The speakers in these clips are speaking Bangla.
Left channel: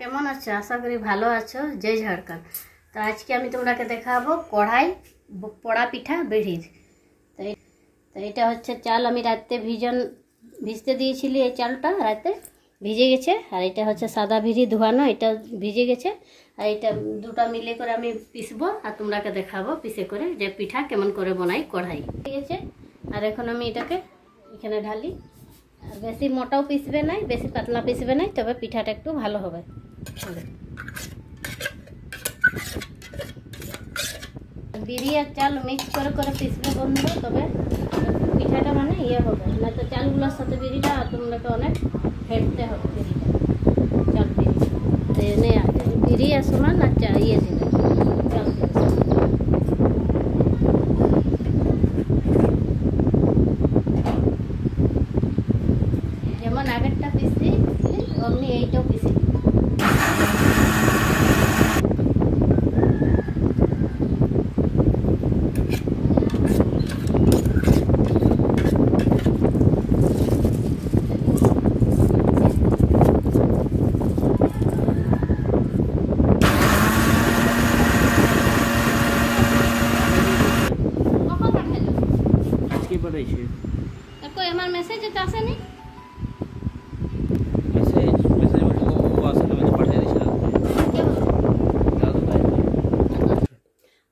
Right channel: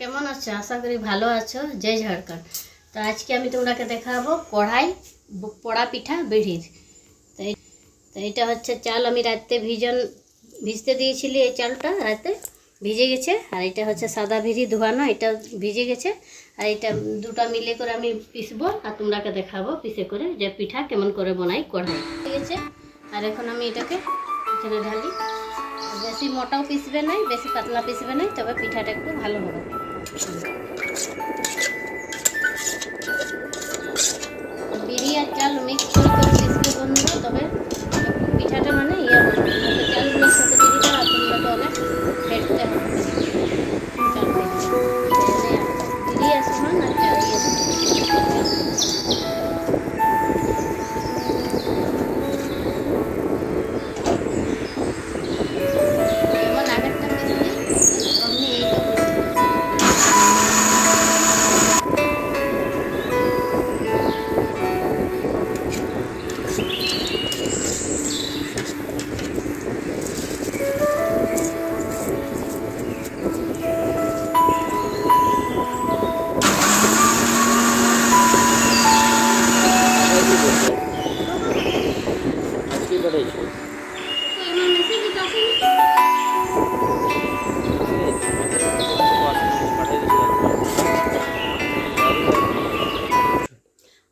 কেমন আছো? আশা করি ভালো আছো। জয় ঝাড়খণ্ড। তো আজকে আমি তোমাকে দেখাবো কড়াই পোড়া পিঠা বেড়ির। তো এটা হচ্ছে চাল, আমি রাতে ভিজতে দিয়েছিলি। এই চালটা রাতে ভিজে গেছে। আর এটা হচ্ছে সাদা ভিড়ি ধোয়ানো, এটা ভিজে গেছে। আর এটা দুটো মিলে করে আমি পিসবো আর তোমরাকে দেখাবো পিসে করে যে পিঠা কেমন করে বানাই কড়াই। ঠিক আছে। আর এখন আমি এটাকে এখানে ঢালি। বেশি মোটাও পিসবে নাই, বেশি পাতলা পিসবে নাই, তবে পিঠাটা একটু ভালো হবে। বিড়ি আর চাল মিক্স করে পিসবে বন্ধুরা, তবে একটু পিঠাটা মানে হবে না, তো চালগুলোর সাথে বিড়িটা তোমরা তো অনেক ফেটতে হবে। চাল বিড়ি আর সমান আর চাল যেমন আগেরটা পিসলি অমনি এইটাও পিসবে।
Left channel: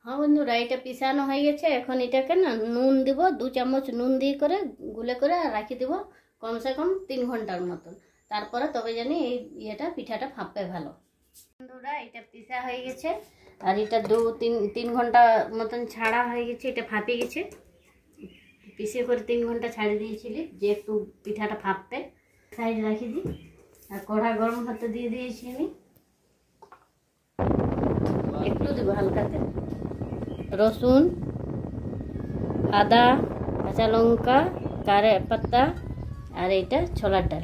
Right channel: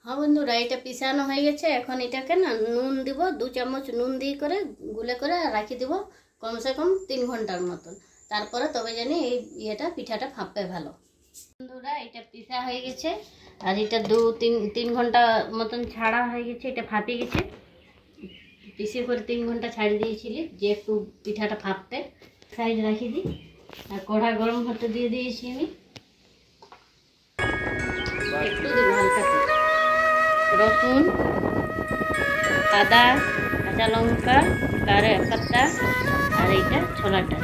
हाँ बंधुरा এটা পিসানো হয়ে গেছে। এখন এটাকে না নুন দিব, 2 চামচ নুন দিয়ে করে গুলে করে রাখি দেব কমসে কম 3 ঘন্টার মতন। তারপরে তবে জানি এই পিঠাটা ফাঁপবে ভালো। বন্ধুরা এটা পিসা হয়ে গেছে আর এটা 2-3 ঘন্টা মতন ছাড়া হয়ে গেছে। এটা ফাঁপে গেছে। পিসে করে 3 ঘন্টা ছাড়ি দিয়েছিলি যে একটু পিঠাটা ফাঁপতে। সাইড রাখি দিই। আর কড়া গরম হতে দিয়ে দিয়েছি আমি। একটু দেবো হালকা করে রসুন, আদা, কাঁচা লঙ্কা, কারি পাতা আর এইটা ছোলাটা,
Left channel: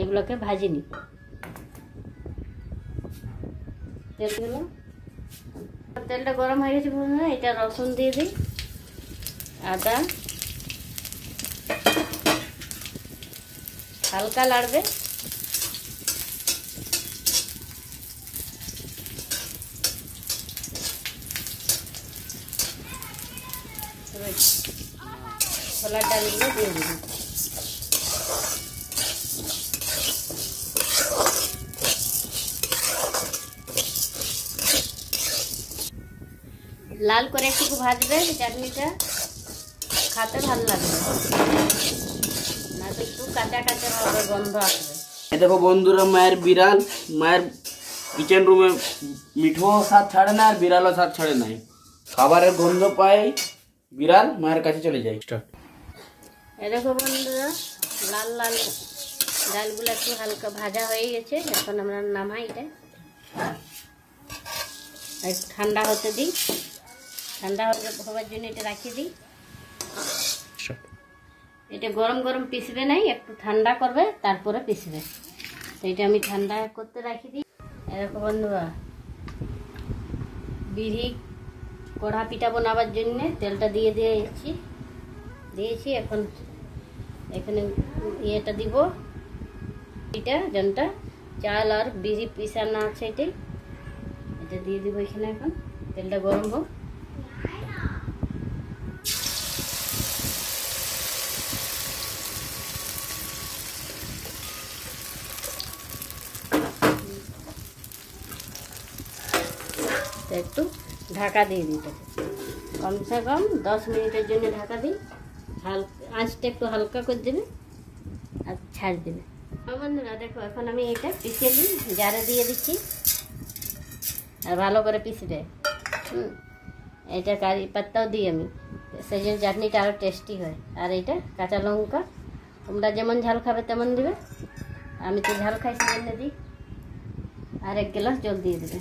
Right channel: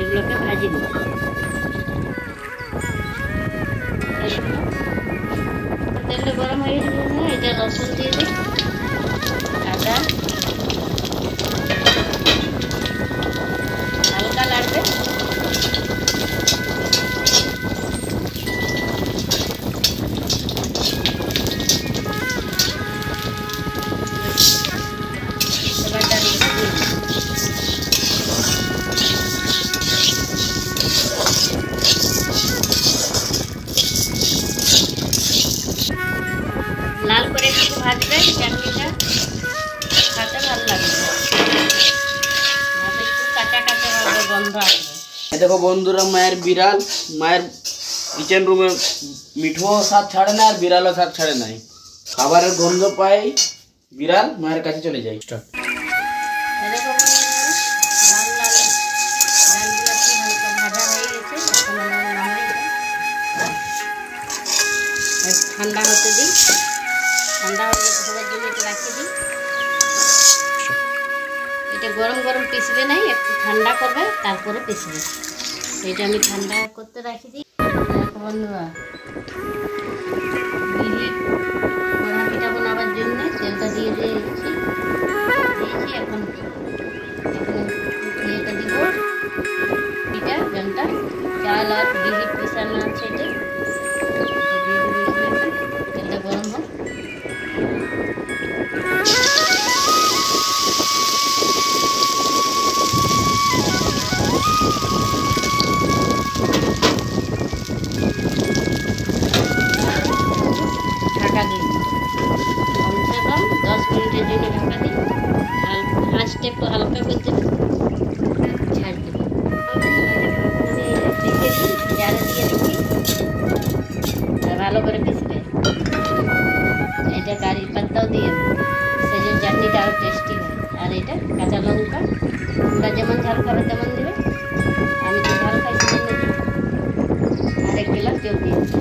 এগুলোকে ভাজি দিই। তেলটা গরম হয়ে গেছে, এটা রসুন দিয়ে দিই, আদা হালকা লাগবে। লাল করে একটু ভাজবে, চাটনিটা খেতে ভালো লাগবে। একটু কাঁচা কাঁচা হবে, গন্ধ আসবে। দেখো বন্ধুরা, মায়ের বিড়াল, মায়ের কিচেন রুমে মিঠো স্বাদ ছাড়ে না আর বিড়ালও স্বাদ ছাড়ে নাই। খাবারের গন্ধ পায় বিড়াল, মায়ের কাছে চলে যায়। দেখো বন্ধুরা, লাল লাল ডালগুলো একটু হালকা ভাজা হয়ে গেছে। এখন আমার নামাই ঠান্ডা হতে দিই। ঠান্ডা হওয়ার জন্য এটা রাখি দিই। এটা গরম গরম পিসবে নাই, একটু ঠান্ডা করবে তারপরে পিসবে। এটা আমি ঠান্ডা করতে রাখি দিই। দেখো বন্ধুরা, বিড়ি পোড়া পিঠা বানাবার জন্য তেলটা দিয়ে দিয়েছি। এখন এখানে এটা দিব, এটা যেমনটা চাল আর বিড়ি পিসানো আছে এটা দিয়ে দিব। এখানে তেলটা গরম হোক। ঢাকা দিয়ে দিই, কমসে কম 10 মিনিটের জন্য ঢাকা দিই। আঁচটা একটু হালকা করে দেবে, ছাড় দেবে। এখন আমি এটা পিসে দিই, জারে দিয়ে দিচ্ছি, ভালো করে পিসবে। এটা কারি পাতাও দিয়ে সেই জন্য চাটনিটা আরও টেস্টি হয়। আর এটা কাঁচা লঙ্কা, তোমরা যেমন ঝাল খাবে তেমন দেবে। আমি তো ঝাল খাই সেজন্য দিই। আর 1 গ্লাস জল দিয়ে দিই।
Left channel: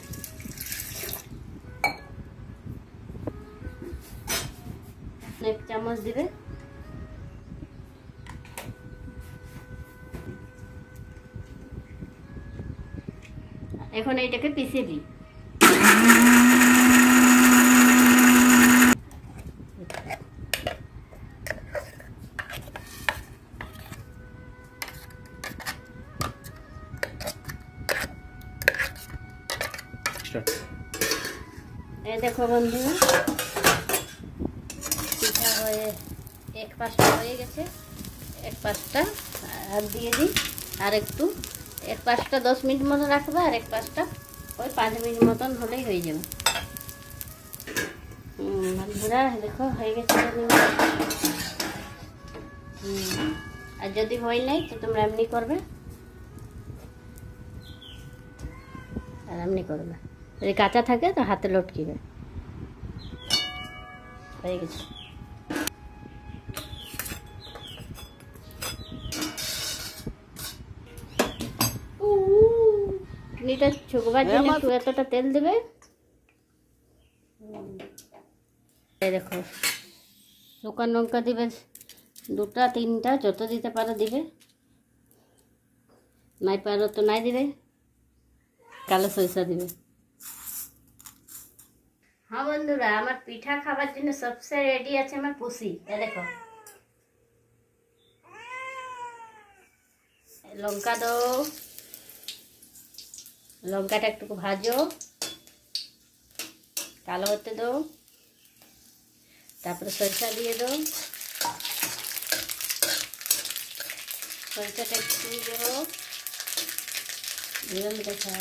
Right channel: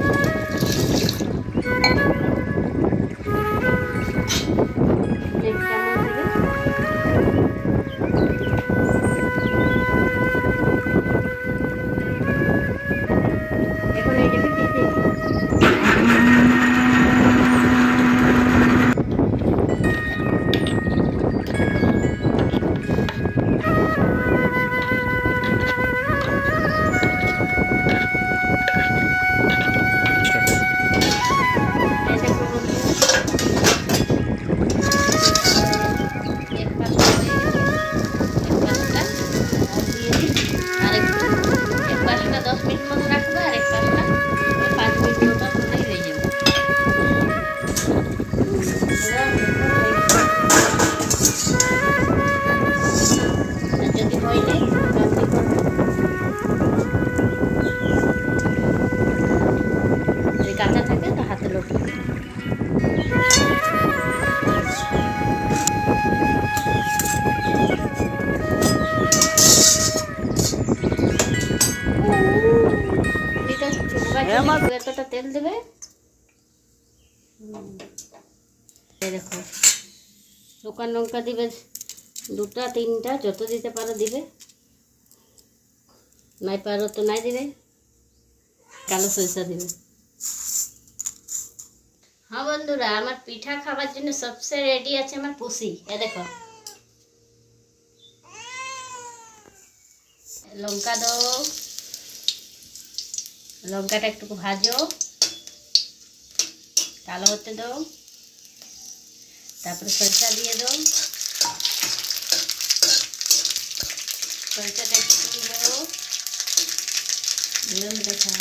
এখন এইটাকে পিছিয়ে দিই। বন্ধুরা দেখো আর যদি হইলে এমনি করবে, যদি কাঁচা থাকে তো হাতে লটিয়ে দেবে। এতটা তেল দেবে, এই দেখো শুকান লঙ্কা দিবে 2টা 3টা যত দিতে পারো দিবে, নাই পারো তো নাই দিবে। কালো সরিষা দিবে। হ্যাঁ বন্ধুরা, আমার পিঠা খাবার জন্য সবসে রেডি আছে আমার পুষি। এ দেখো লঙ্কা দাও, লঙ্কাটা একটু ভাজো, কালো হতে দাও, তারপরে সরিষা দিয়ে দাও, সরিষাটা একটু দিয়ে দেবো, নিয়ম দেখা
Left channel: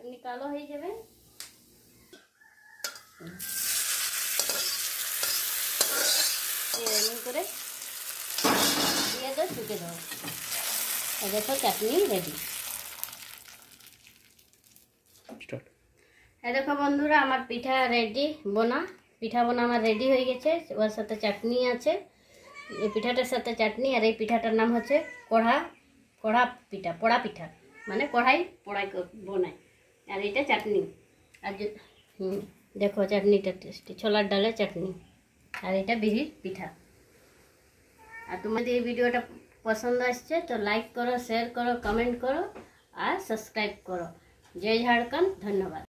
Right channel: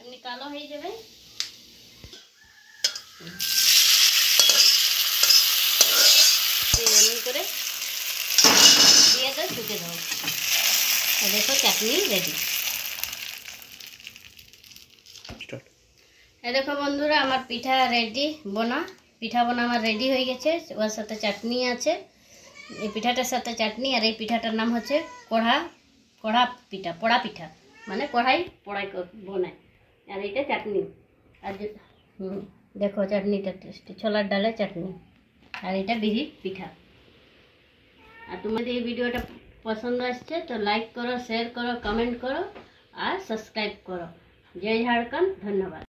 এমনি কালো হয়ে যাবে। এমনি করে দিয়ে দাও, ছুটে দাও। দেখো চাটনি রেডি। দেখো বন্ধুরা, আমার পিঠা রেডি পিঠা বোনা আমার রেডি হয়ে গেছে। ওর সাথে চাটনি আছে, এই পিঠাটার সাথে চাটনি। আর এই পিঠাটার নাম হচ্ছে পোড়া পিঠা, মানে কড়াই বোনায়। আর এইটা চাটনি। আর দেখো চাটনিটা টেস্টি, ছোলার ডালের চাটনি। আর এটা বিরির পিঠা। আর তোমাদের এই ভিডিওটা পছন্দ আসছে তো লাইক করো, শেয়ার করো, কমেন্ট করো আর সাবস্ক্রাইব করো। জয় ঝাড়খণ্ড, ধন্যবাদ।